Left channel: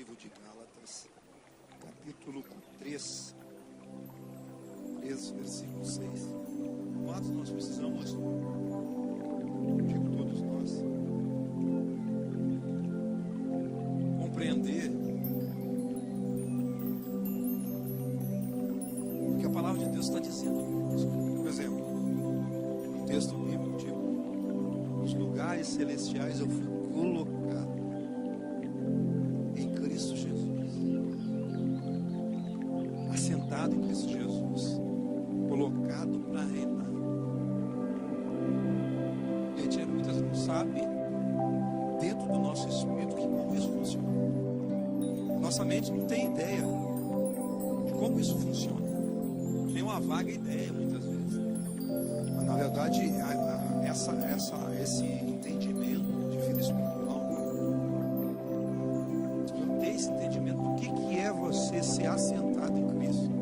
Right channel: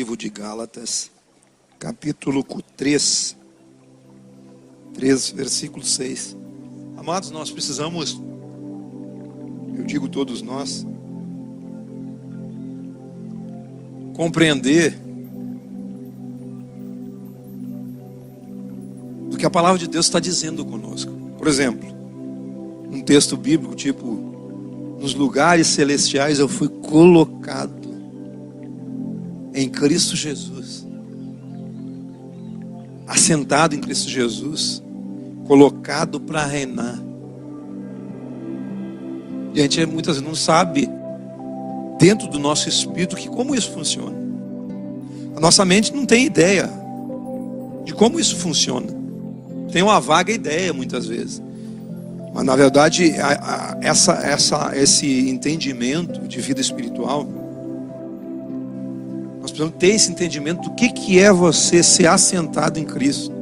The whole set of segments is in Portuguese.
livro de Gálatas, capítulo 3, versículo 6. Amados, nós precisamos, eu digo todos nós, compreender do que a palavra de Deus está dizendo conosco. Por exemplo, um texto bíblico tipo: nos lugares celestiais eu fui colocado em Cristo Jesus, assentado em Cristo Jesus, colocado para reinar. E a gente muitas vezes não sabe, dentro do nosso espírito, que como isso funciona. A nossa mente não tem ideia de como isso funciona. Tem uma vaga ideia muitas vezes. Mas na verdade, esse entendimento de vida espiritual, nós precisamos ter esse entendimento do que é você ser assentado em Cristo.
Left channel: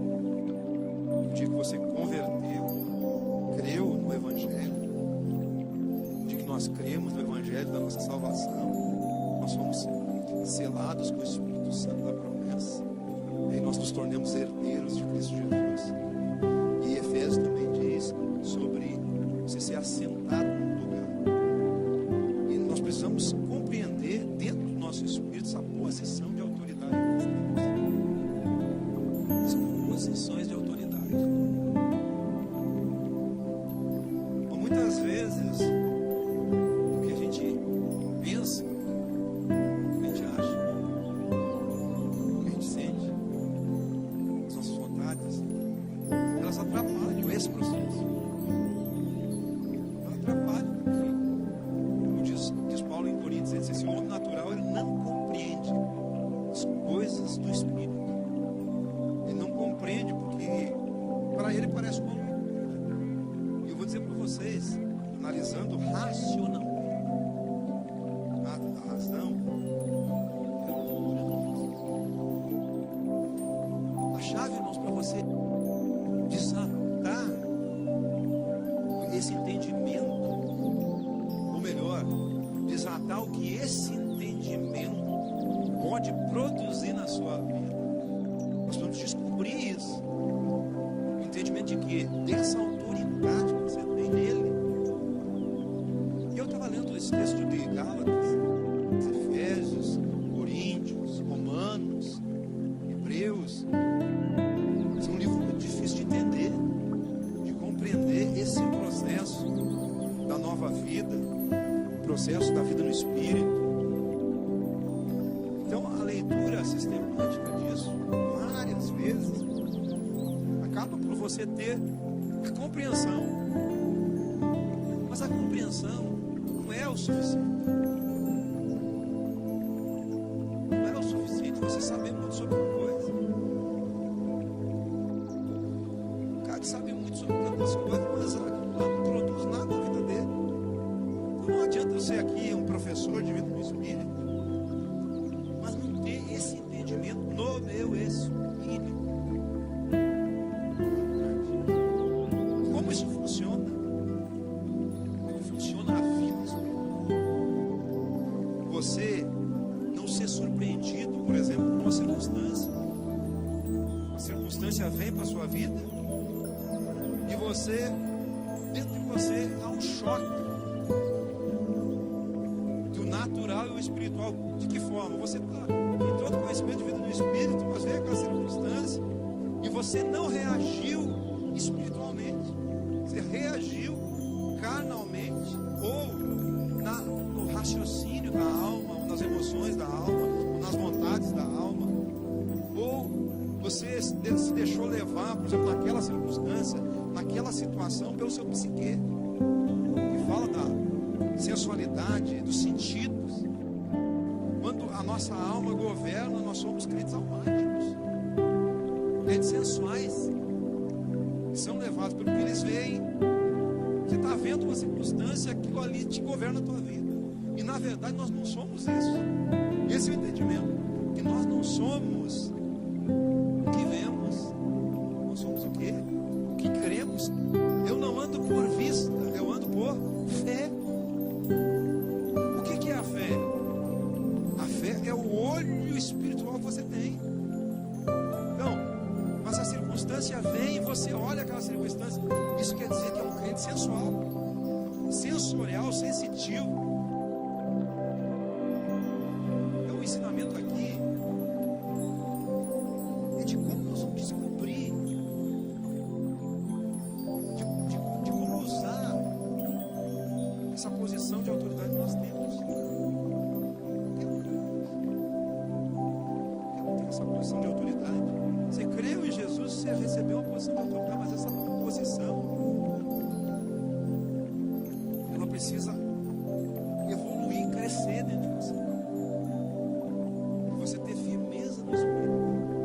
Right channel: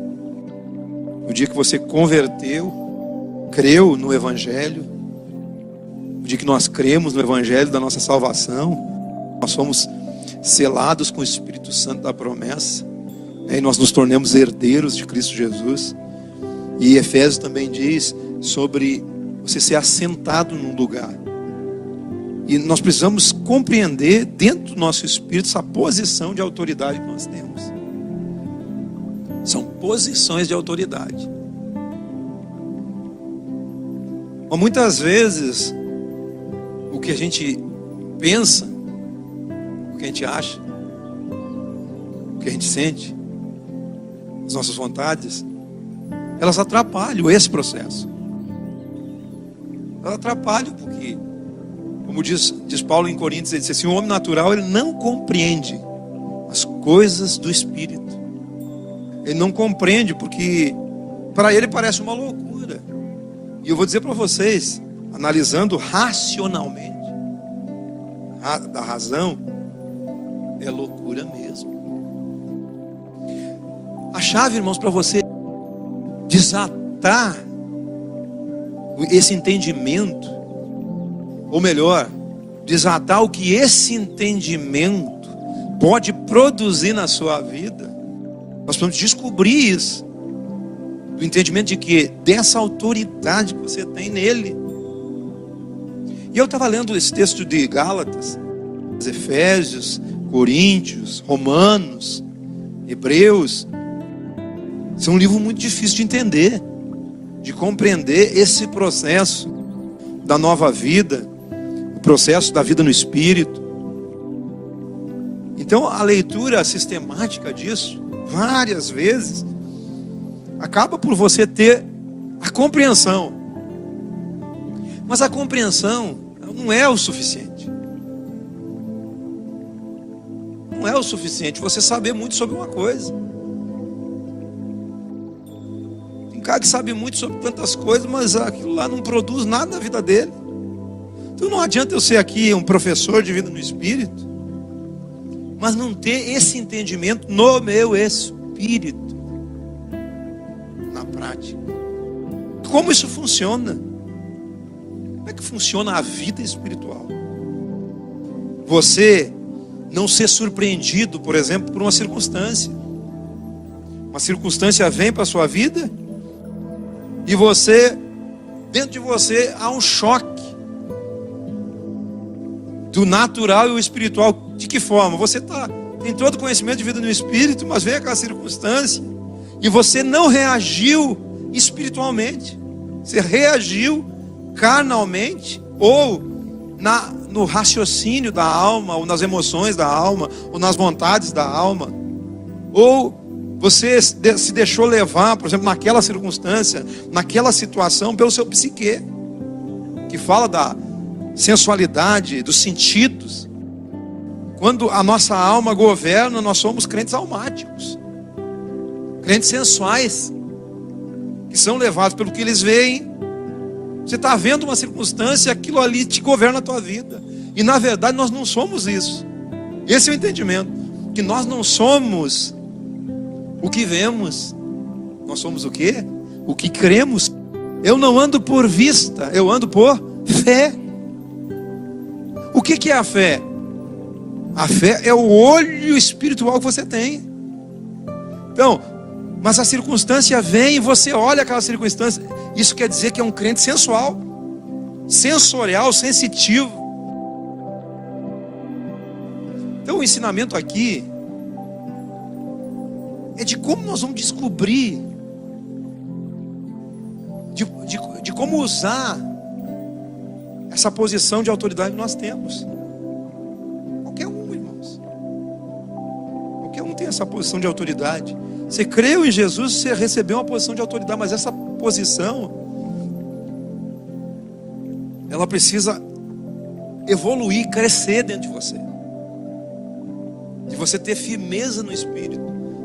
No dia que você converteu, creu no Evangelho, no dia que nós cremos no Evangelho da nossa salvação, nós somos selados com o Espírito Santo da promessa, e nós nos tornamos herdeiros de Cristo Jesus. E Efésios também diz sobre você ser assentado num lugar. E nós precisamos compreender dentro do nosso espírito essa posição de autoridade que nós temos. São posições de autoridade. Mas muitas vezes o que a gente pensa, o que a gente acha, o que a gente sente, as nossas vontades, elas atrapalham esse processo. Elas atrapalham porque, como diz Paulo em Coríntios, ele diz assim: o homem natural, ele não compreende as coisas do Espírito. Ele não compreende porque para ele parece uma loucura. E eu vou dizer para vocês, analisando racionalmente, da razão, é loucura mesmo. A chave, irmãos, para você desatar esse entendimento, ou melhor, desatar o que esse entendimento pode produzir na sua vida, nós precisamos descobrir isso, o entendimento de que dessa autoridade que você tem nele. E eu estava lendo esse texto de Gálatas, Efésios, Coríntios, Romanos, Hebreus. Isso é um livro muito difícil de entender, de compreender esse processo da nova vida, o processo da vida no Espírito. Então a leitura sistemática disso, várias vezes, acaba por você ter a compreensão. Mas a compreensão não é o suficiente. Não é o suficiente você saber muito sobre uma coisa. Tem um cara que sabe muito sobre tantas coisas, mas aquilo lá não produz nada na vida dele. Então não adianta eu ser aqui um professor de vida no Espírito, mas não ter esse entendimento no meu espírito, na prática. Como isso funciona? Como é que funciona a vida espiritual? Você não ser surpreendido, por exemplo, por uma circunstância. Uma circunstância vem para a sua vida e você, dentro de você, há um choque do natural e o espiritual. De que forma? Você tem todo o conhecimento de vida no Espírito, mas veio aquela circunstância e você não reagiu espiritualmente. Você reagiu carnalmente, ou no raciocínio da alma, ou nas emoções da alma, ou nas vontades da alma. Ou você se deixou levar, por exemplo, naquela circunstância, naquela situação, pelo seu psique, que fala da sensualidade, dos sentidos. Quando a nossa alma governa, nós somos crentes almáticos, crentes sensuais, que são levados pelo que eles veem. Você está vendo uma circunstância, aquilo ali te governa a tua vida. E na verdade nós não somos isso. Esse é o entendimento, que nós não somos o que vemos, nós somos o quê? O que cremos. Eu não ando por vista, eu ando por fé. O que é a fé? A fé é o olho espiritual que você tem. Então, mas a circunstância vem e você olha aquela circunstância. Isso quer dizer que é um crente sensual, sensorial, sensitivo. Então o ensinamento aqui é de como nós vamos descobrir, de como usar essa posição de autoridade que nós temos. Qualquer um, irmãos. Qualquer um tem essa posição de autoridade. Você creu em Jesus, você recebeu uma posição de autoridade, mas essa posição, ela precisa evoluir, crescer dentro de você. De você ter firmeza no Espírito.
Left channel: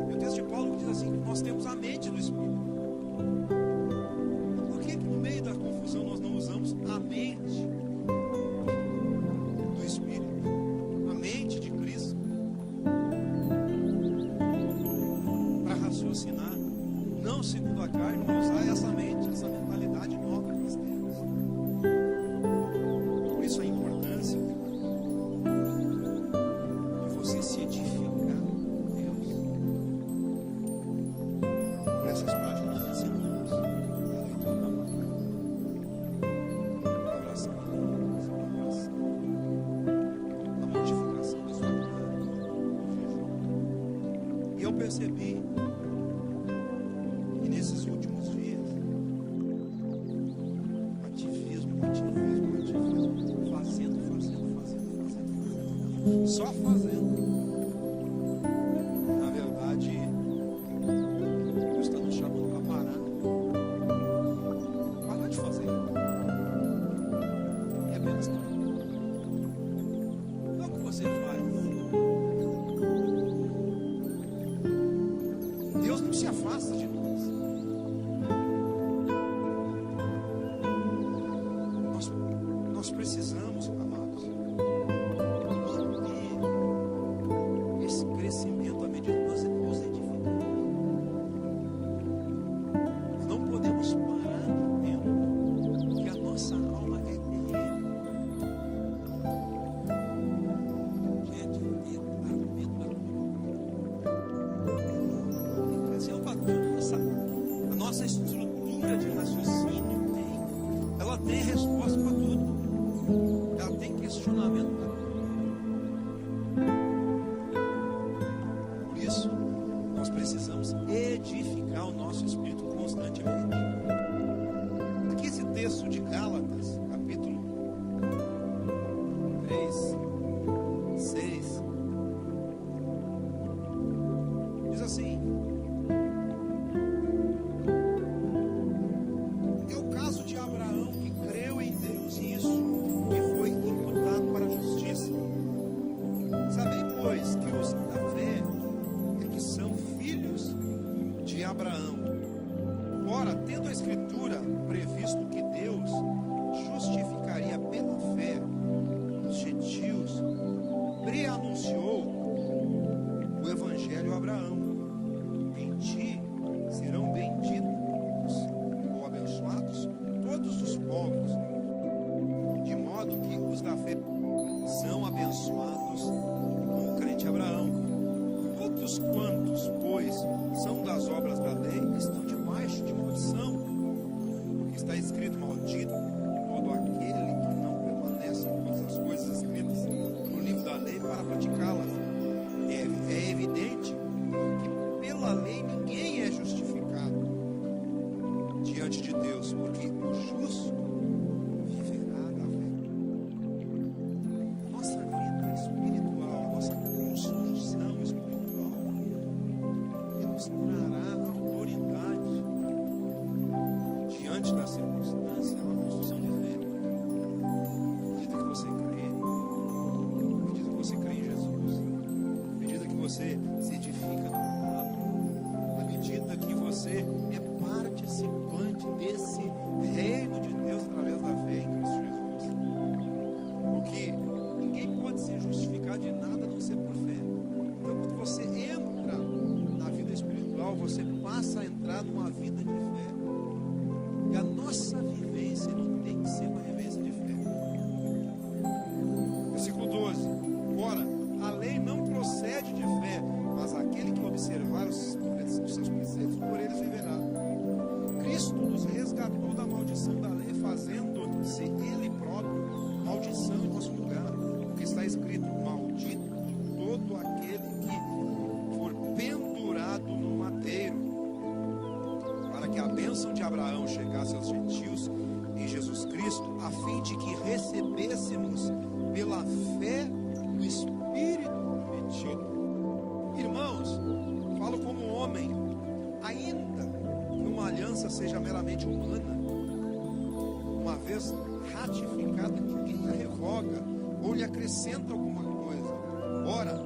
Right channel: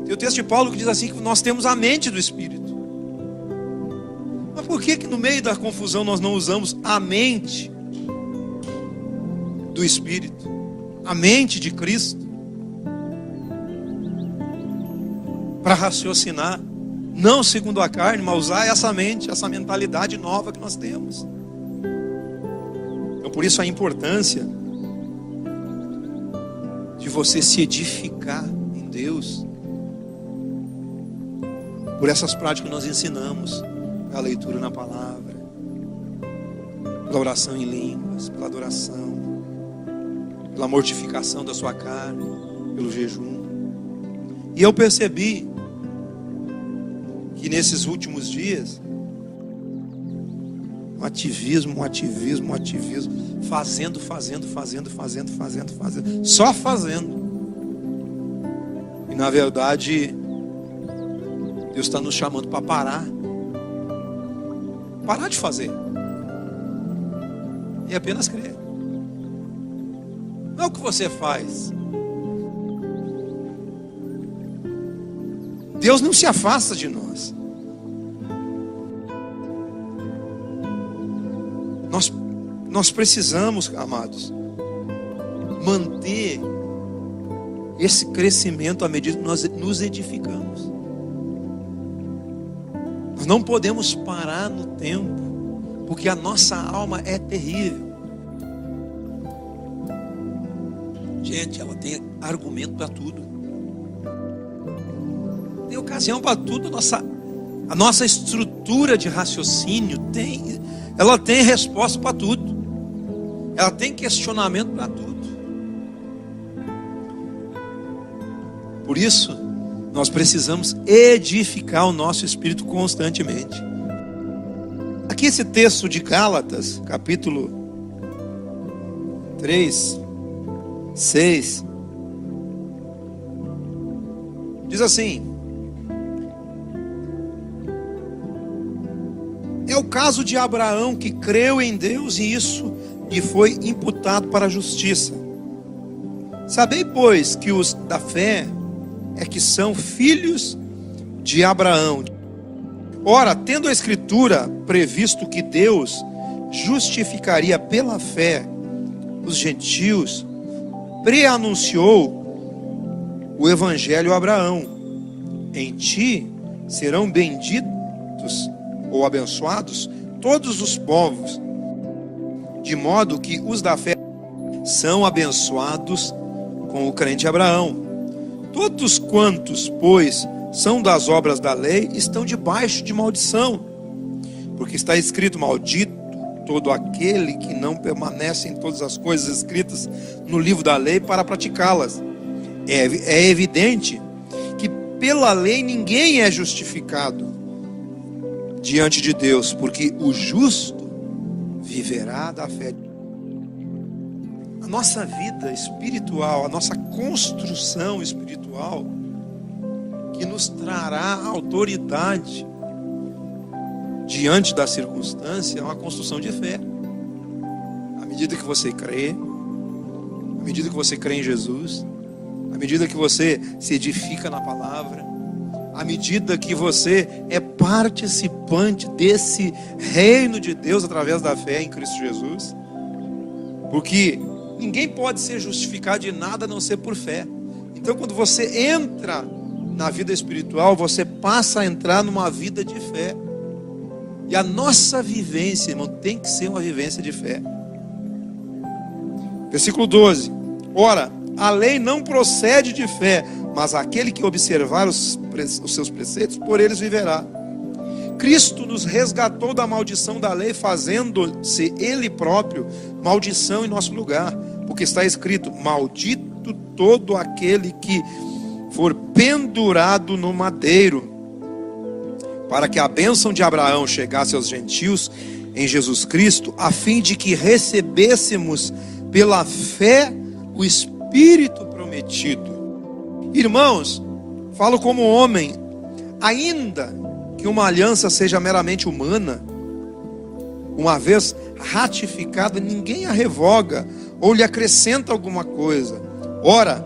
Tem o texto de Paulo que diz assim, que nós temos a mente do Espírito. Mas por que no meio da confusão nós não usamos a mente do Espírito? A mente de Cristo? Para raciocinar, não segundo a carne, mas usar essa mente, essa mentalidade nova que nós temos. Então por isso a importância de você se edificar em Deus, por essas práticas que nós ensinamos, a leitura na palavra, pela oração em línguas, pela adoração, pela mortificação da sua carne, pelo jejum. E eu percebi que nesses últimos dias, um ativismo, fazendo, só fazendo. E na verdade, Deus está nos chamando para parar de fazer e apenas crer. Não é o que você faz. Deus não se afasta de nós. Nós precisamos, amados, manter esse crescimento à medida que nós nos edificamos. Nós não podemos parar no tempo, porque a nossa alma é terrível. Gente, ela tem argumento para tudo. Tem ocasião para tudo. A nossa estrutura de raciocínio ela tem resposta para tudo. Ela tem questionamento para tudo. Por isso, nós precisamos edificar o nosso espírito constantemente. Aqui esse texto de Gálatas, capítulo 3, 6, diz assim: é o caso de Abraão, que creu em Deus e isso lhe foi imputado para a justiça. Sabei, pois, que os da fé é que são filhos de Abraão. Ora, tendo a Escritura previsto que Deus justificaria pela fé os gentios, preanunciou o Evangelho a Abraão: em ti serão benditos ou abençoados todos os povos, de modo que os da fé são abençoados com o crente Abraão. Todos quantos, pois, são das obras da lei, estão debaixo de maldição, porque está escrito: maldito todo aquele que não permanece em todas as coisas escritas no livro da lei para praticá-las. É evidente que pela lei ninguém é justificado diante de Deus, porque o justo viverá da fé. A nossa vida espiritual, a nossa construção espiritual, que nos trará autoridade diante da circunstância, é uma construção de fé. À medida que você crê, à medida que você crê em Jesus, à medida que você se edifica na palavra, à medida que você é participante desse reino de Deus através da fé em Cristo Jesus. Porque ninguém pode ser justificado de nada a não ser por fé. Então, quando você entra na vida espiritual, você passa a entrar numa vida de fé. E a nossa vivência, irmão, tem que ser uma vivência de fé. Versículo 12. Ora, a lei não procede de fé, mas aquele que observar os seus preceitos, por eles viverá. Cristo nos resgatou da maldição da lei, fazendo-se Ele próprio maldição em nosso lugar. Porque está escrito: maldito todo aquele que for pendurado no madeiro, para que a bênção de Abraão chegasse aos gentios em Jesus Cristo, a fim de que recebêssemos pela fé o Espírito prometido. Irmãos, falo como homem, ainda que uma aliança seja meramente humana, uma vez ratificada, ninguém a revoga ou lhe acrescenta alguma coisa. Ora,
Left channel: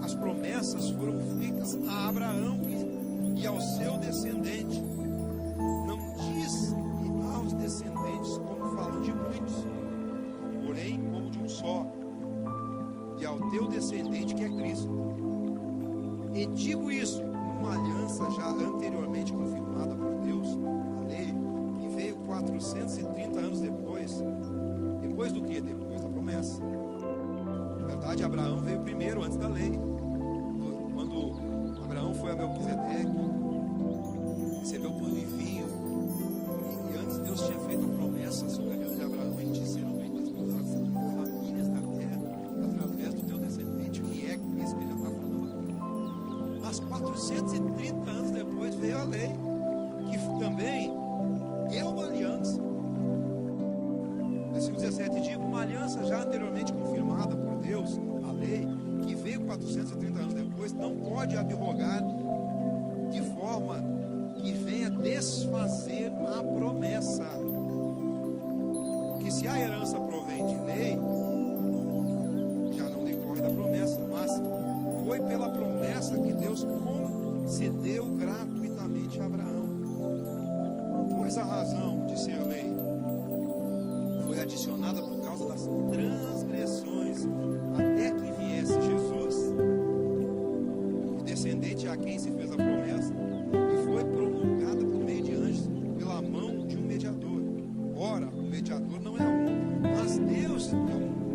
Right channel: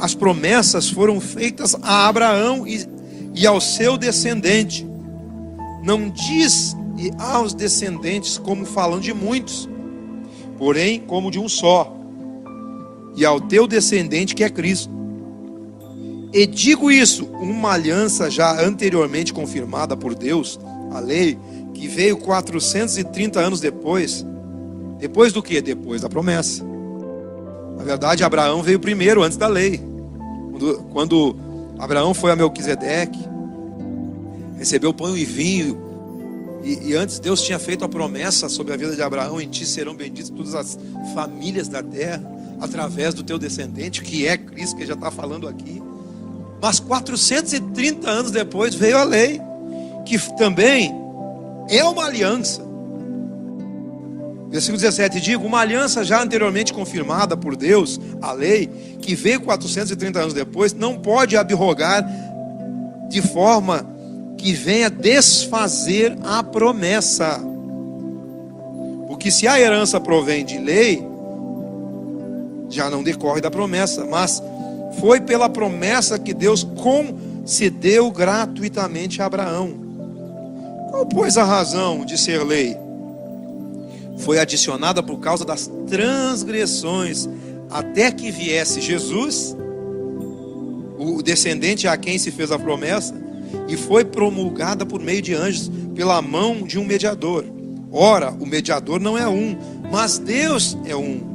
as promessas foram feitas a Abraão e ao seu descendente. Não diz e aos descendentes como falando de muitos, porém como de um só, e ao teu descendente, que é Cristo. E digo isso, uma aliança já anteriormente confirmada por Deus, a lei, que veio 430 anos depois. Depois do quê? Depois da promessa. Na verdade, Abraão veio primeiro, antes da lei. Quando Abraão foi a Melquisedeque, recebeu pão e vinho, e antes Deus tinha feito a promessa sobre a vida de Abraão: em ti serão benditas todas as famílias da terra, através do teu descendente, que é Cristo, que já está falando aqui. Mas 430 anos depois veio a lei, que também é uma aliança. Versículo 17: digo, uma aliança já anteriormente confirmada por Deus, a lei, que veio 430 anos depois, não pode abrogar de forma que venha desfazer a promessa. Porque se a herança provém de lei, já não decorre da promessa, mas foi pela promessa que Deus concedeu gratuitamente a Abraão. Qual, pois, a razão de ser lei? Foi adicionada por causa das transgressões, até que viesse Jesus, o descendente a quem se fez a promessa, e foi promulgada por meio de anjos, pela mão de um mediador. Ora, o mediador não é um, mas Deus é um.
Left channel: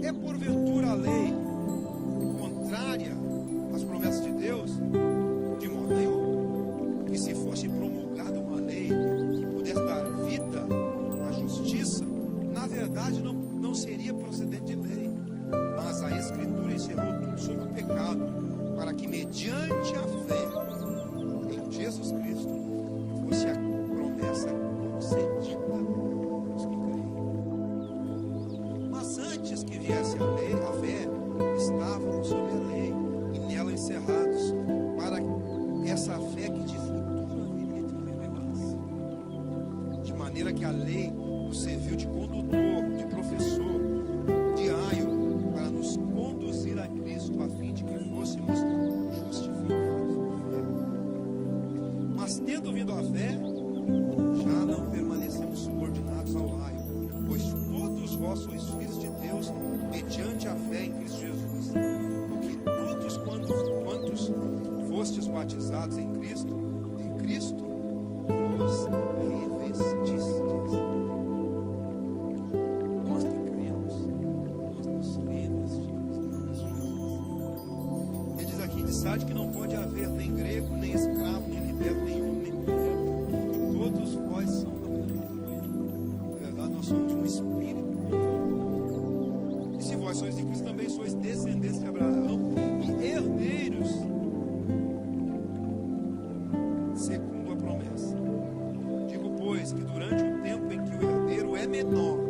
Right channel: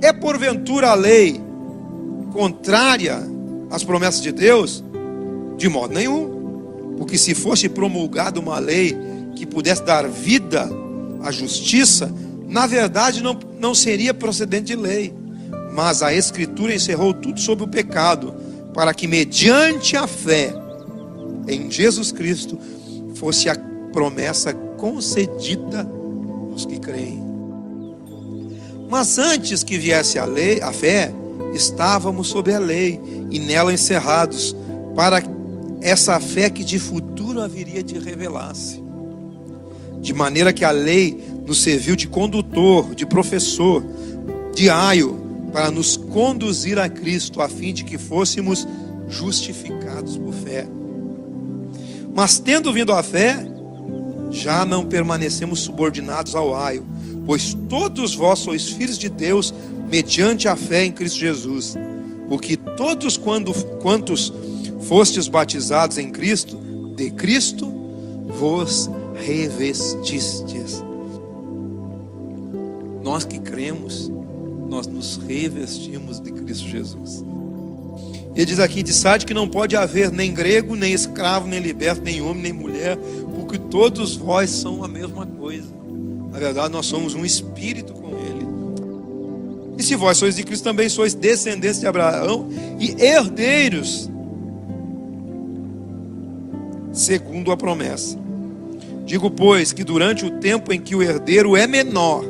É porventura a lei contrária às promessas de Deus? De modo nenhum. Porque se fosse promulgada uma lei que pudesse dar vida à justiça, na verdade não seria procedente de lei. Mas a Escritura encerrou tudo sobre o pecado, para que mediante a fé em Jesus Cristo fosse a promessa concedida aos que creem. Mas antes que viesse a lei, a fé, estávamos sob a lei e nela encerrados, para essa fé que de futuro haveria de revelar-se. De maneira que a lei nos serviu de condutor, de professor, de aio, para nos conduzir a Cristo, a fim de que fôssemos justificados por fé. Mas tendo vindo a fé, já não permanecemos subordinados ao aio, pois todos vós sois filhos de Deus, mediante a fé em Cristo Jesus. Porque todos quantos fostes batizados em Cristo, de Cristo vos revestistes. Nós que cremos, nós nos revestimos de Cristo Jesus. Ele diz aqui de Sade que não pode haver nem grego, nem escravo, nem liberto, nem homem, nem mulher, porque todos vós são a mesma coisa. Na verdade, nós somos um espírito com Ele. E se vós sois de Cristo, também sois descendentes de Abraão e herdeiros segundo a promessa. Digo, pois, que durante o tempo em que o herdeiro é menor,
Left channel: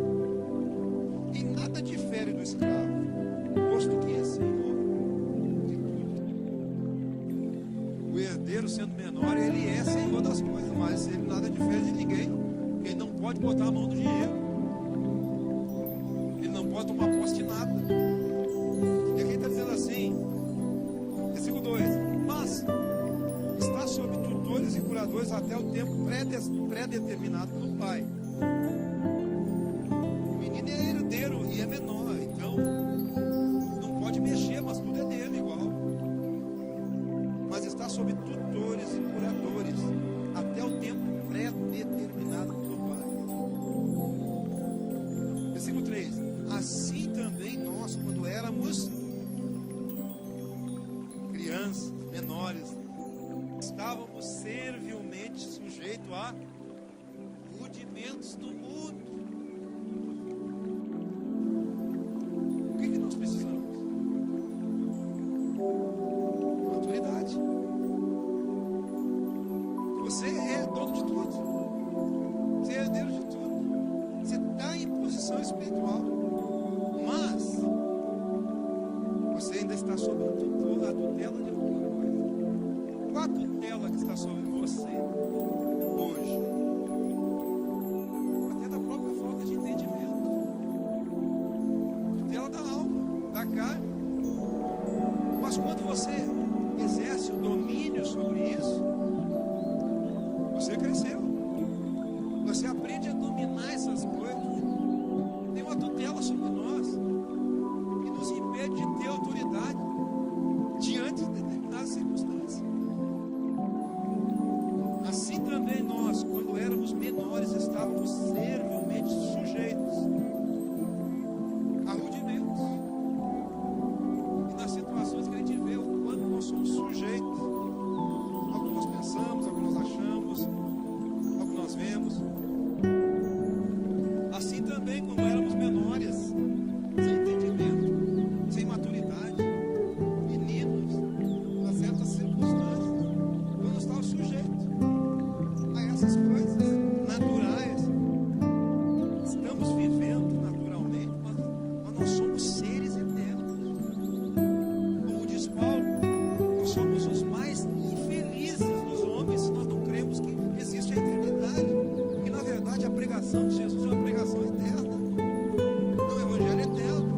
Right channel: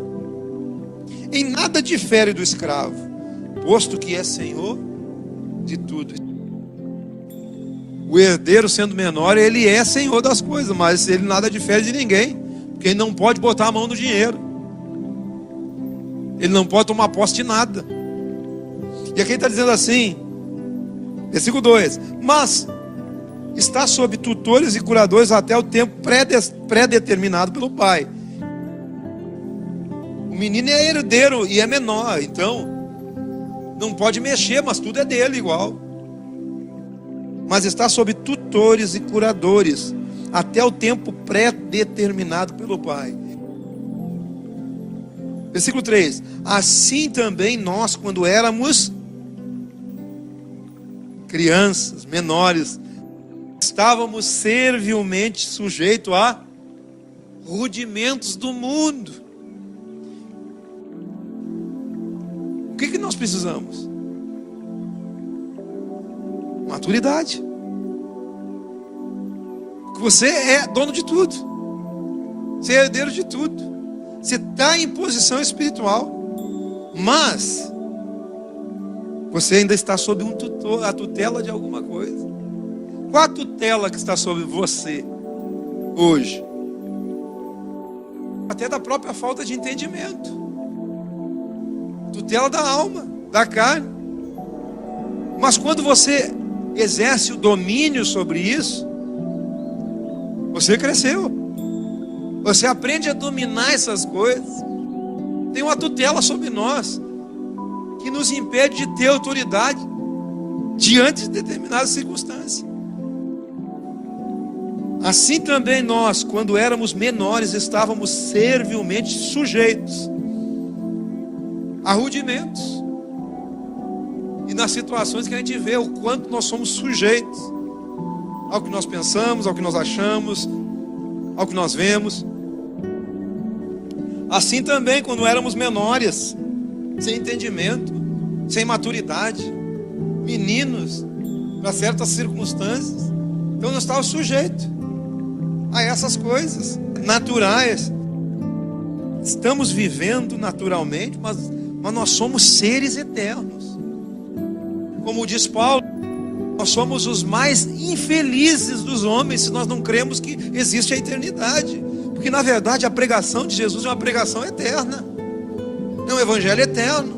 em nada difere do escravo, posto que é senhor de tudo. O herdeiro, sendo menor, ele é senhor das coisas, mas ele nada difere de ninguém, porque ele não pode botar a mão no dinheiro, ele não pode tomar posse de nada. E aqui ele está dizendo assim, versículo 2: mas está sob tutores e curadores até o tempo pré-determinado pelo pai. O menino é herdeiro e é menor, então não pode mexer, mas tudo é dele igual. Mas está sob tutores e curadores até o tempo pré-determinado pelo pai. Versículo 3: assim também nós, quando éramos crianças, menores, estávamos servilmente sujeitos a rudimentos do mundo. O que nós precisamos? Maturidade. Você é dono de tudo. Você é herdeiro de tudo. Você está em posição espiritual. Mas você ainda está sob a tutela de alguma coisa. Qual a tutela que está sobre você hoje? Até da própria falta de entendimento. Tutela da alma, da carne. Mas quando você exerce o domínio sobre isso, você cresceu. Você aprende a dominar essas coisas. Tem uma tutela sobre nós que nos impede de ter autoridade diante de determinadas circunstâncias. Assim também nós, quando éramos menores, estávamos servilmente sujeitos a rudimentos. E nas situações que a gente vê o quanto nós somos sujeitos ao que nós pensamos, ao que nós achamos, ao que nós vemos. Assim também, quando éramos menores, sem entendimento, sem maturidade, meninos, para certas circunstâncias, então nós estávamos sujeitos a essas coisas naturais. Estamos vivendo naturalmente, mas nós somos seres eternos. Como diz Paulo, nós somos os mais infelizes dos homens se nós não cremos que existe a eternidade. Porque na verdade a pregação de Jesus é uma pregação eterna. É um evangelho eterno.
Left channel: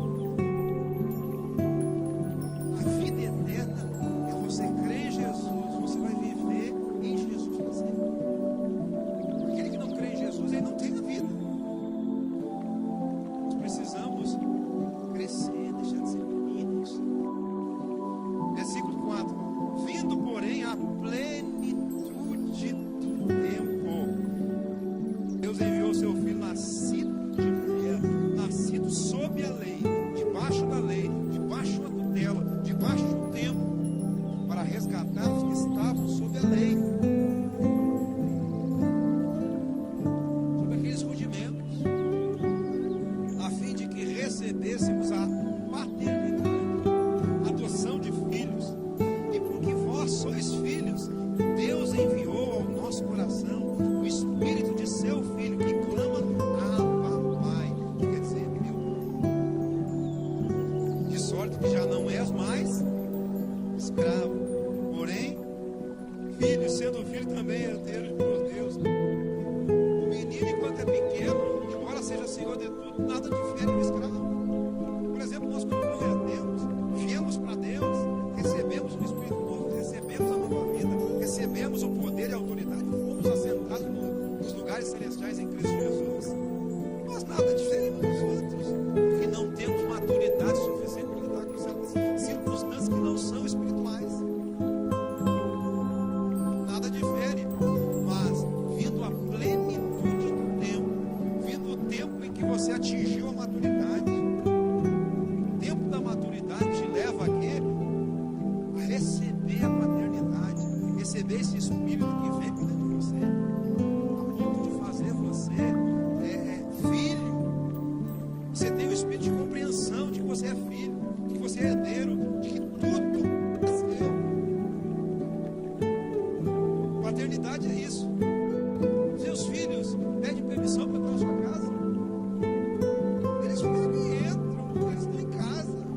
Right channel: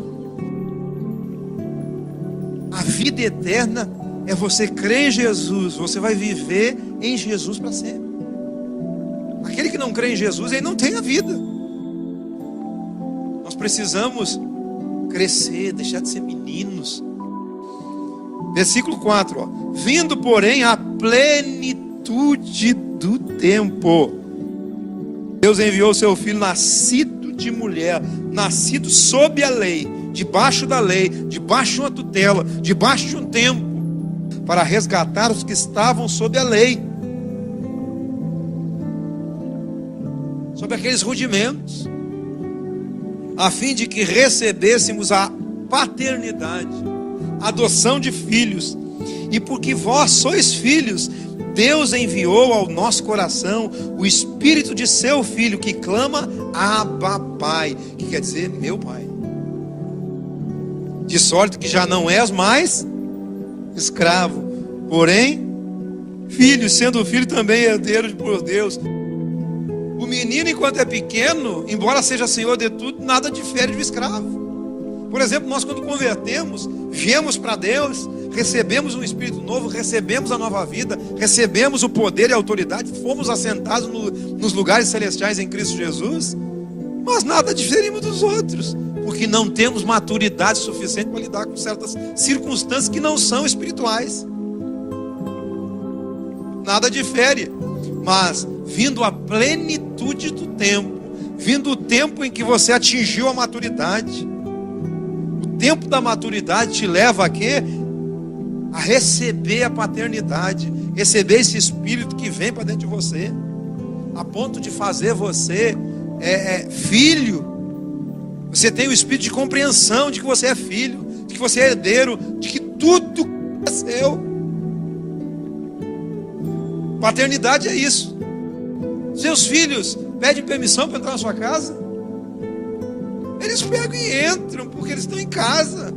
A vida eterna é você crer em Jesus. Você vai viver em Jesus para sempre. Aquele que não crê em Jesus, ele não tem a vida. Nós precisamos crescer, deixar de ser meninos. Versículo 4, ó. Vindo, porém, à plenitude do tempo, Deus enviou o seu filho, nascido de mulher, nascido sob a lei, debaixo da lei, debaixo de uma tutela, debaixo de um tempo, para resgatar os que estavam sob a lei, sob aqueles rudimentos, a fim de que recebêssemos a paternidade, a adoção de filhos. E porque vós sois filhos, Deus enviou ao nosso coração o Espírito de seu Filho, que clama, Abba, Pai, que quer dizer, meu Pai. De sorte que já não és mais escravo, porém filho, sendo filho também herdeiro por Deus. O menino, enquanto é pequeno, embora seja senhor de tudo, nada difere do escravo. Por exemplo, nós quando convertemos, viemos para Deus, recebemos um Espírito novo, recebemos a nova vida, recebemos o poder e a autoridade, fomos assentados nos lugares celestiais em Cristo Jesus, mas nada diferimos dos outros, porque não temos maturidade suficiente para lidar com certas circunstâncias que não são espirituais. Nada difere, mas vindo a plenitude do tempo, vindo o tempo em que você atingiu a maturidade, o tempo da maturidade te leva a quê? A receber a paternidade, receber esse Espírito que vem para dentro de você, a ponto de fazer você filho. Você tem o Espírito de compreensão de que você é filho, de que você é herdeiro, de que tudo é seu. Paternidade é isso. Seus filhos pedem permissão para entrar na sua casa, eles pegam e entram, porque eles estão em casa.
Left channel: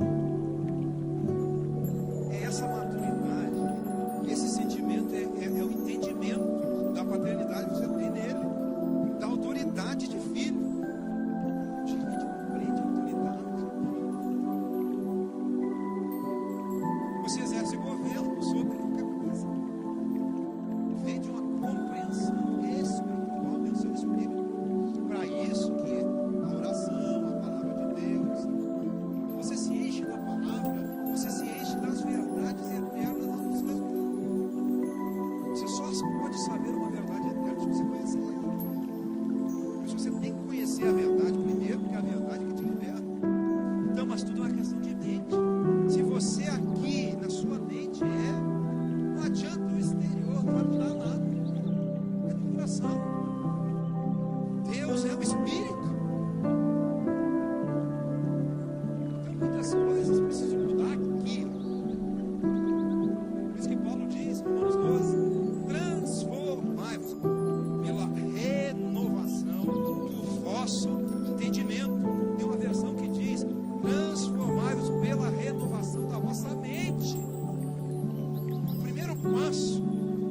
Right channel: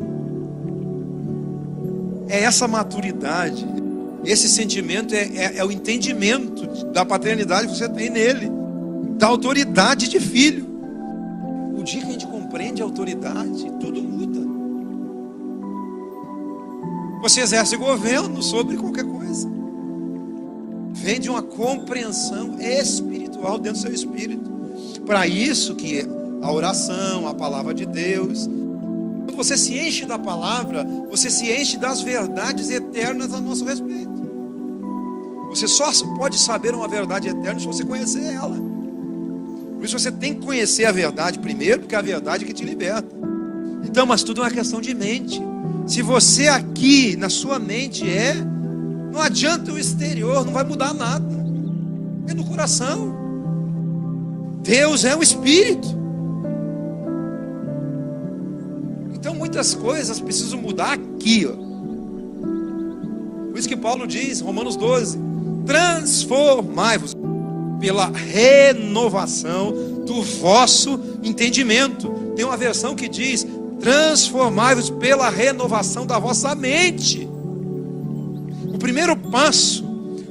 É essa maturidade, esse sentimento, é o entendimento da paternidade que você tem nele, da autoridade de filho. O dia que a gente compreende a autoridade, tudo muda. Você exerce governo sobre qualquer coisa. Vem de uma compreensão espiritual dentro do seu espírito. Para isso que a oração, a palavra de Deus. Quando você se enche da palavra, você se enche das verdades eternas a nosso respeito. Você só pode saber uma verdade eterna se você conhecer ela. Por isso você tem que conhecer a verdade primeiro, porque é a verdade que te liberta. Então, mas tudo é uma questão de mente. Se você aqui, na sua mente não adianta o exterior, não vai mudar nada. É no coração. Deus é um espírito. Então muitas coisas precisam mudar aqui, ó. Por isso que Paulo diz, Romanos 12, transformai-vos pela renovação do vosso entendimento. Tem uma versão que diz, transformai-vos pela renovação da vossa mente. O primeiro passo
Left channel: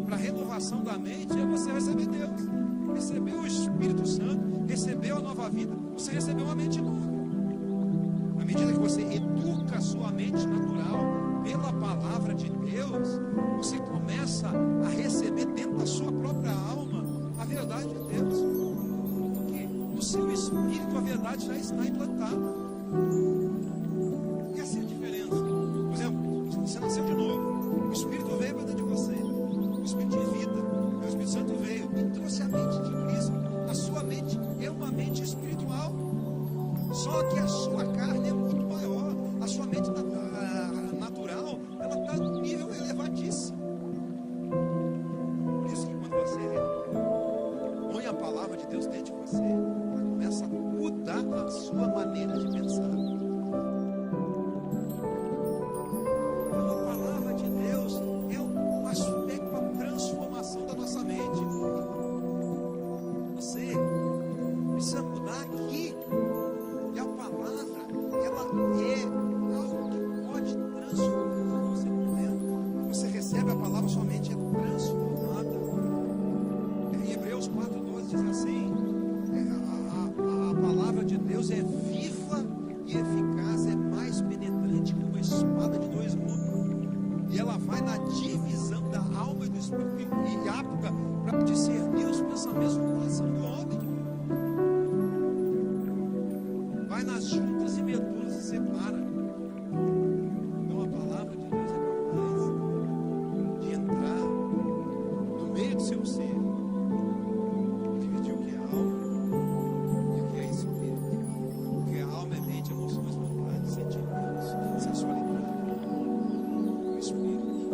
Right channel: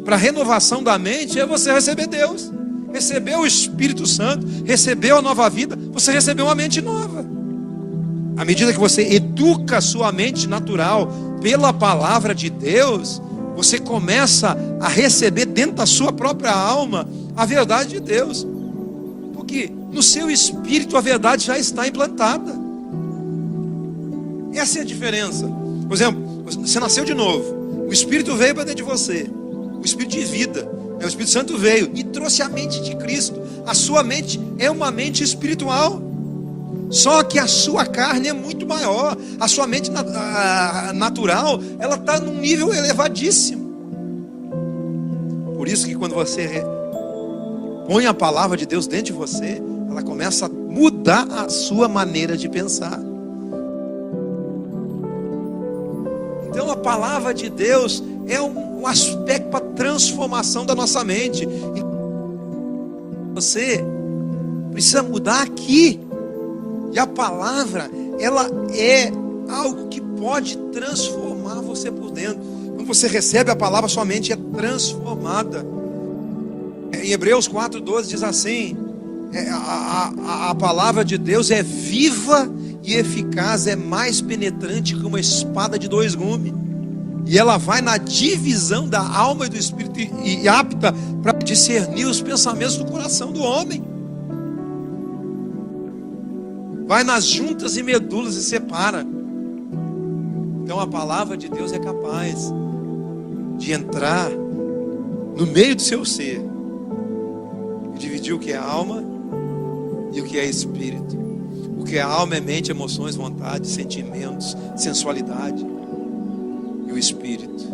para a renovação da mente é você receber Deus, receber o Espírito Santo, receber a nova vida, você recebeu uma mente nova. À medida que você educa a sua mente natural pela palavra de Deus, você começa a receber dentro da sua própria alma a verdade de Deus. Porque no seu espírito a verdade já está implantada. Essa é a diferença. Por exemplo, você nasceu de novo, o Espírito veio para dentro de você, o Espírito de vida, o Espírito Santo veio e trouxe a mente de Cristo. A sua mente é uma mente espiritual. Só que a sua carne é muito maior. A sua mente natural, ela está num nível elevadíssimo. Por isso que quando você põe a palavra de Deus dentro de você, ela começa a mudar a sua maneira de pensar. Então a palavra de Deus é um aspecto para transformação da nossa mente. Você precisa mudar aqui. E a palavra, ela é algo que pode transformar você por dentro. Quando você recebe a palavra, sua mente é transformada. Em Hebreus 4:12 diz assim, a palavra de Deus é viva e eficaz, é mais penetrante que uma espada de 2 gumes. E ela vai na divisão da alma e do espírito e apta para discernir os pensamentos do coração do homem. Vai nas juntas e medulas e separa. Então a palavra de Deus é capaz de entrar no meio do seu ser e dividir o que é alma e o que é espírito. O que é alma é mente, emoções, vontades, sentimentos, sensualidade. E o espírito.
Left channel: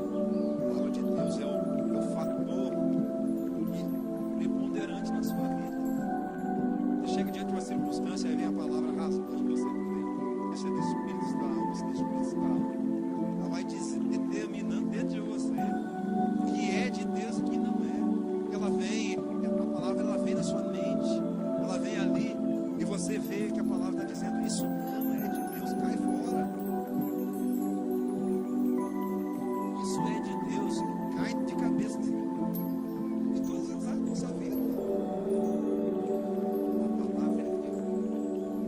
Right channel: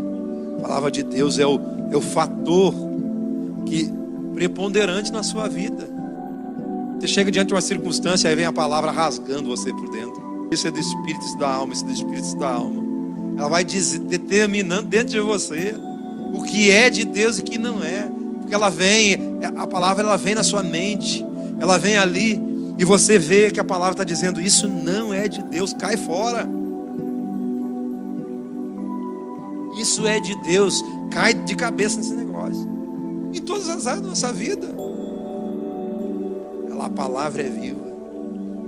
A palavra de Deus é o fator preponderante na sua vida. Você chega diante de uma circunstância, aí vem a palavra rasgando você por dentro. Isso é do espírito, isso da alma, isso do espírito, isso da alma. Ela vai determinando dentro de você o que é de Deus e o que não é. Porque a palavra ela vem na sua mente, ela vem ali, e você vê que a palavra está dizendo, isso não é de Deus, cai fora. Isso é de Deus, cai de cabeça nesse negócio. Em todas as áreas da nossa vida. A palavra é viva.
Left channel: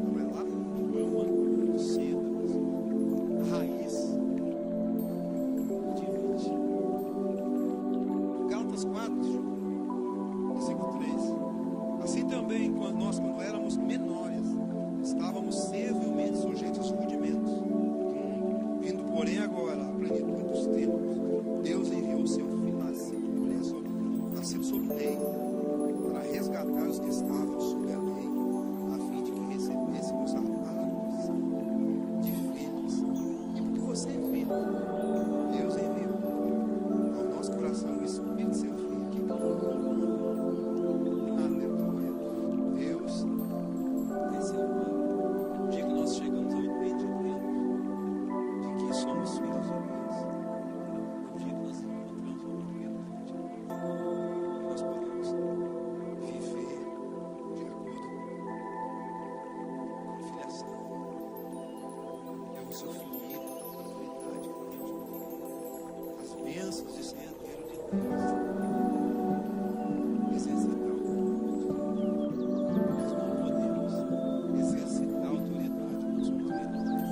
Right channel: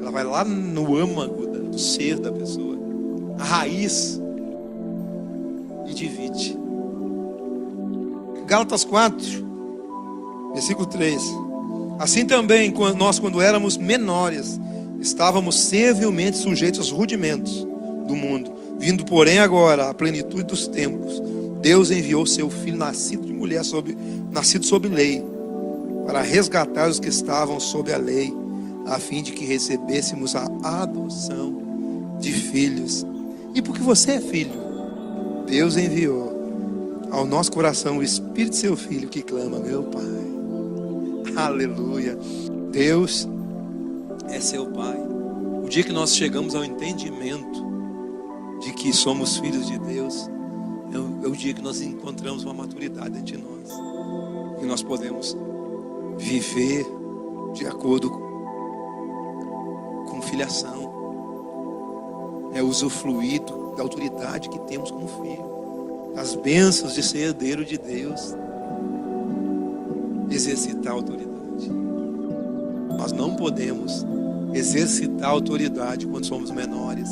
Ela vai lá no âmago do ser da pessoa, a raiz, e divide. Gálatas 4, versículo 3. Assim também, nós quando éramos menores, estávamos servilmente sujeitos aos rudimentos do mundo. Vindo, porém, agora à plenitude dos tempos, Deus enviou seu Filho, nascido de mulher, nascido sob lei, para resgatar os que estavam sob a lei, a fim de que recebêssemos a adoção de filhos. E porque você é filho, Deus enviou ao nosso coração o Espírito de seu Filho, que clama, meu Pai. Aleluia. Deus é seu Pai. O dia que nós chegamos ao entendimento de que somos filhos de Deus, é o dia que nós encontramos uma maturidade dentro de nós, que nós podemos viver de acordo com filiação, usufruir da autoridade que temos como filho, as bênçãos de ser herdeiro de Deus, exercitar a autoridade. Nós não podemos exercitar a autoridade quando somos menores,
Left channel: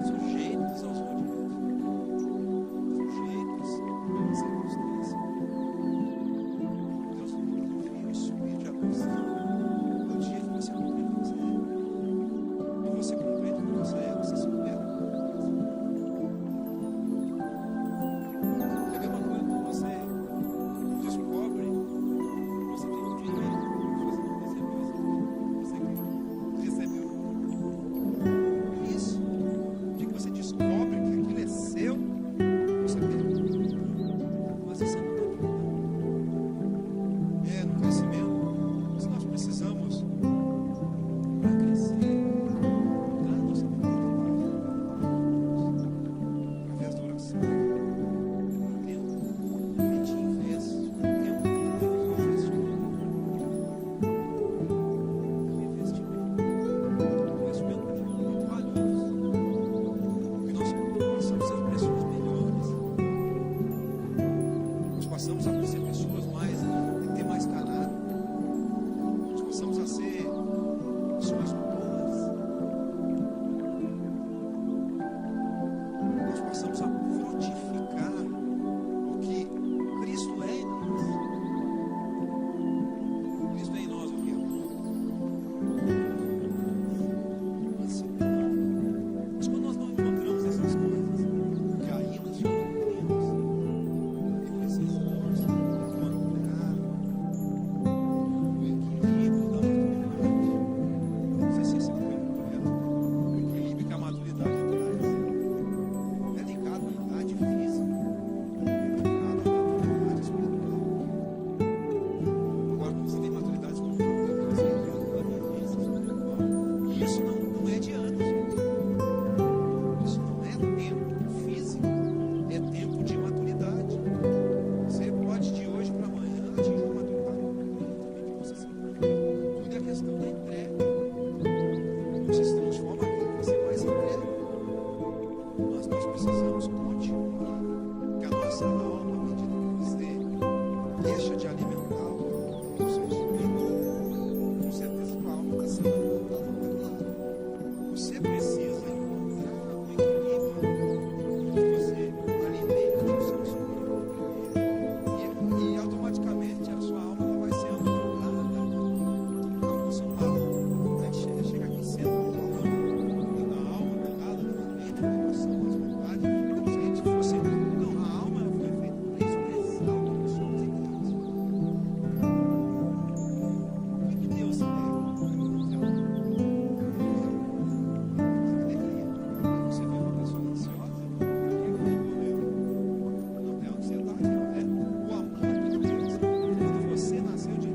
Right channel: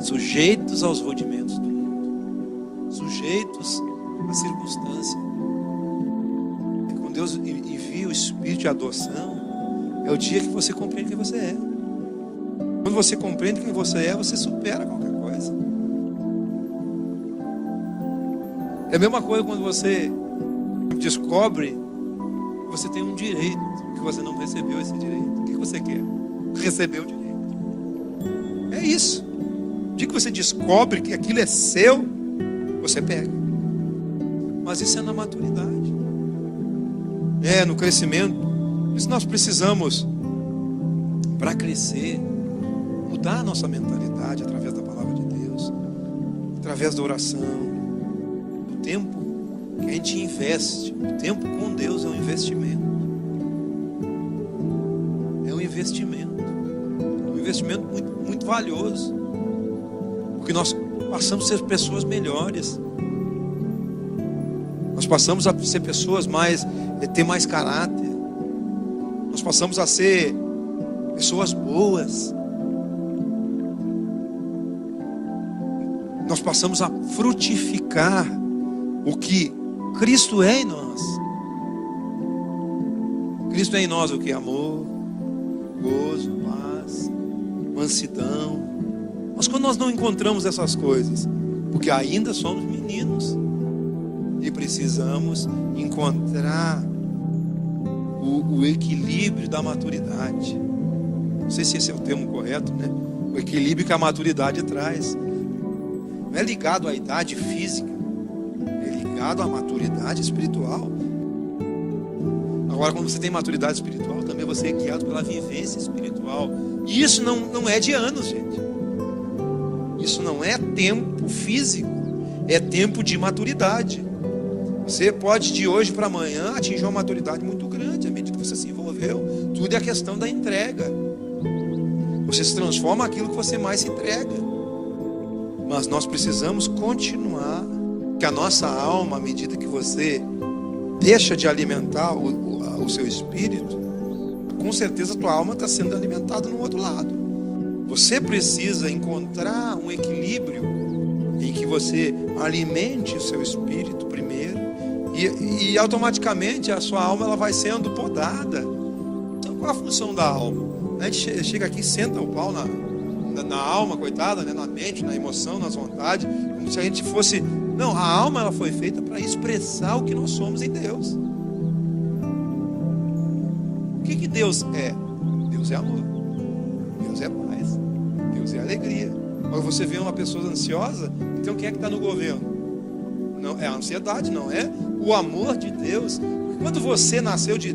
sujeitos aos rudimentos do mundo, sujeitos à circunstância. Quando Deus envia o Espírito de adoção, é o dia que você compreende quem você é. Quando você compreende quem você é, você supera qualquer coisa. É a mesma coisa quando você descobre Você tem um direito que você não recebeu esse direito. O que você quer? Receber o direito. É isso. O dia que você descobre que aquilo é seu, você pega. Mas isso é na maturidade. É no crescimento. Por isso nós precisamos, para crescer, mudar a nossa mentalidade através da palavra de Deus, através da oração. O tempo que a gente investe, o tempo com Deus é um investimento. É um investimento. Um investimento muito, muito valioso. Porque nós passamos a ser pessoas melhores. Nós passamos a ser pessoas ter mais caráter. Nós passamos a ser pessoas boas. Nós passamos a frutificar o que Cristo é em nós. Cristo é em nós o que? Amor, gozo, paz, mansidão. Mas quando nós não encontramos essas coisas, porque ainda somos meninos e precisamos encontrar o equilíbrio da maturidade. Não sei se esse é o termo correto, né? O equilíbrio que a maturidade traz. Não é ligado à idade física, é ligado à maturidade espiritual. Agora, quando você tem maturidade espiritual, também você é guiado pela vivência espiritual. E isso não é de anos, gente. Isso não é tempo físico, é tempo de maturidade. Você pode de hoje para amanhã atingir uma maturidade muito grande à medida que você se envolveu. Tudo é questão da entrega. Você se transforma naquilo que você mais se entrega. Mas nós precisamos continuar, que a nossa alma, à medida que você deixa de alimentar o seu espírito, com certeza a tua alma está sendo alimentada no outro lado. Você precisa encontrar um equilíbrio em que você alimente o seu espírito primeiro e automaticamente a sua alma ela vai sendo podada. Então, qual a função da alma? A gente chega aqui e senta o pau na alma, coitada, né? Na mente, na emoção, nas vontades, como se a gente fosse... Não, a alma ela foi feita para expressar o que nós somos em Deus. O que Deus é? Deus é amor, Deus é paz, Deus é alegria. Quando você vê uma pessoa ansiosa, então quem é que está no governo? Não é a ansiedade, não é o amor de Deus. Quando você nasceu de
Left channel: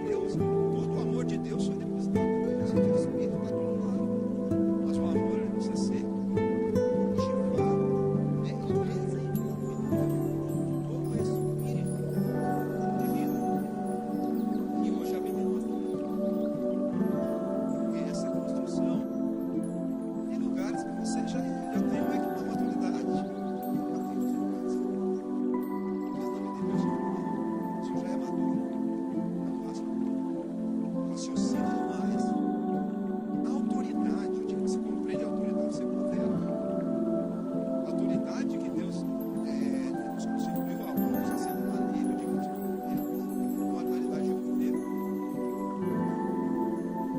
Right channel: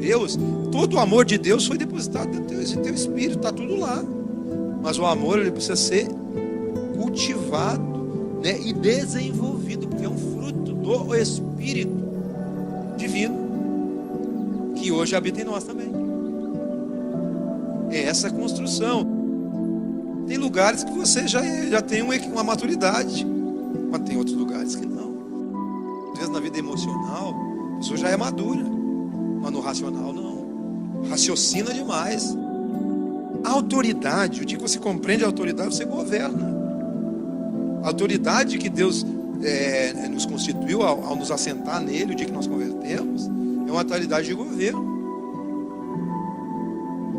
Deus, todo o amor de Deus foi depositado em teu espírito, está tudo lá. Mas o amor ele precisa ser cultivado, né, e desenvolvido, porque é um fruto do Espírito Divino que hoje habita em nós também. É essa construção. Tem lugares que você já tem uma maturidade, mas tem outros lugares que não. Às vezes na vida emocional a pessoa já é madura, mas no racional não. Raciocina demais. A autoridade, o dia que você compreende a autoridade, você governa. A autoridade que Deus nos constituiu ao nos assentar nele, o dia que nós convertemos, é uma autoridade de governo.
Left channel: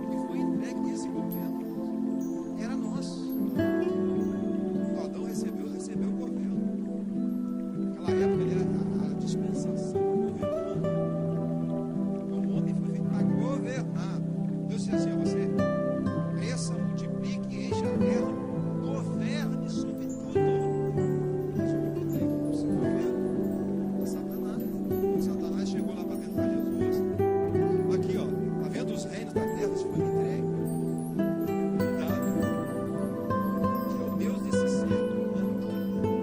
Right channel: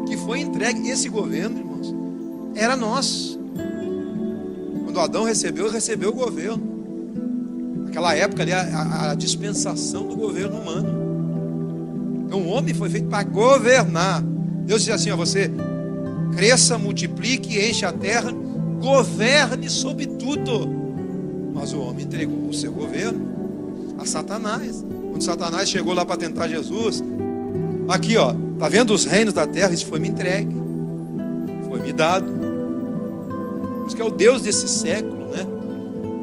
Que foi entregue, esse governo, irmãos, era nosso. Quando Adão recebeu o governo. Naquela época ali, a dispensação do governo humano. Então o homem foi feito para governar. Deus disse assim, você... cresça, multiplique, enche a terra, governe sobre tudo. Mas o homem entregou o seu governo a Satanás. Quando Satanás chegou lá para tentar Jesus, aqui ó, tá vendo os reinos da terra? Isso foi me entregue, foi me dado. Isso que é o Deus desse século, né?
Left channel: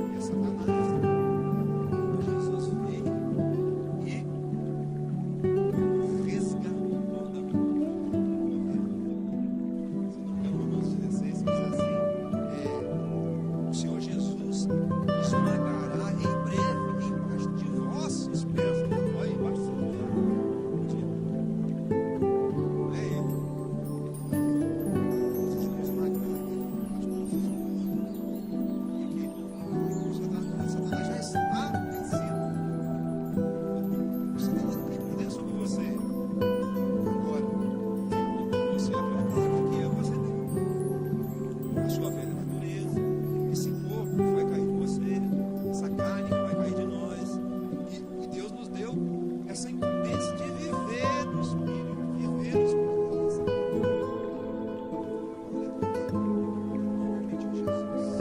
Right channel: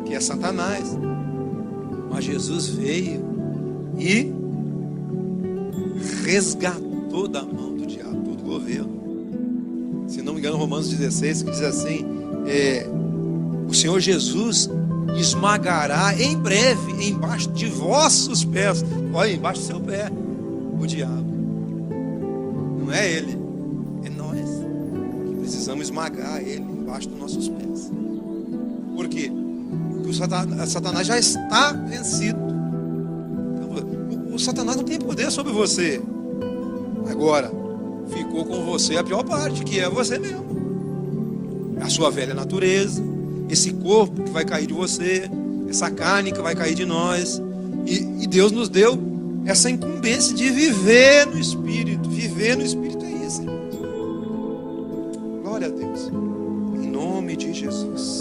Que é Satanás. Mas Jesus veio e resgatou da mão do diabo todo o governo. Se não me engano, Romanos 16, que diz assim, o Senhor Jesus esmagará em breve, embaixo de vossos pés, olha, embaixo do seu pé, o diabo. Não é ele, é nós. Precisamos esmagar ele embaixo dos nossos pés. Por quê? Porque o Satanás já está vencido. O Satanás não tem poder sobre você. Agora, ficou com você a pior parte, que é você mesmo. A sua velha natureza, esse corpo que vai cair de você, essa carne que vai cair de nós. E Deus nos deu essa incumbência de viver no Espírito. Viver no Espírito é isso. Glória a Deus. Em nome de Jesus.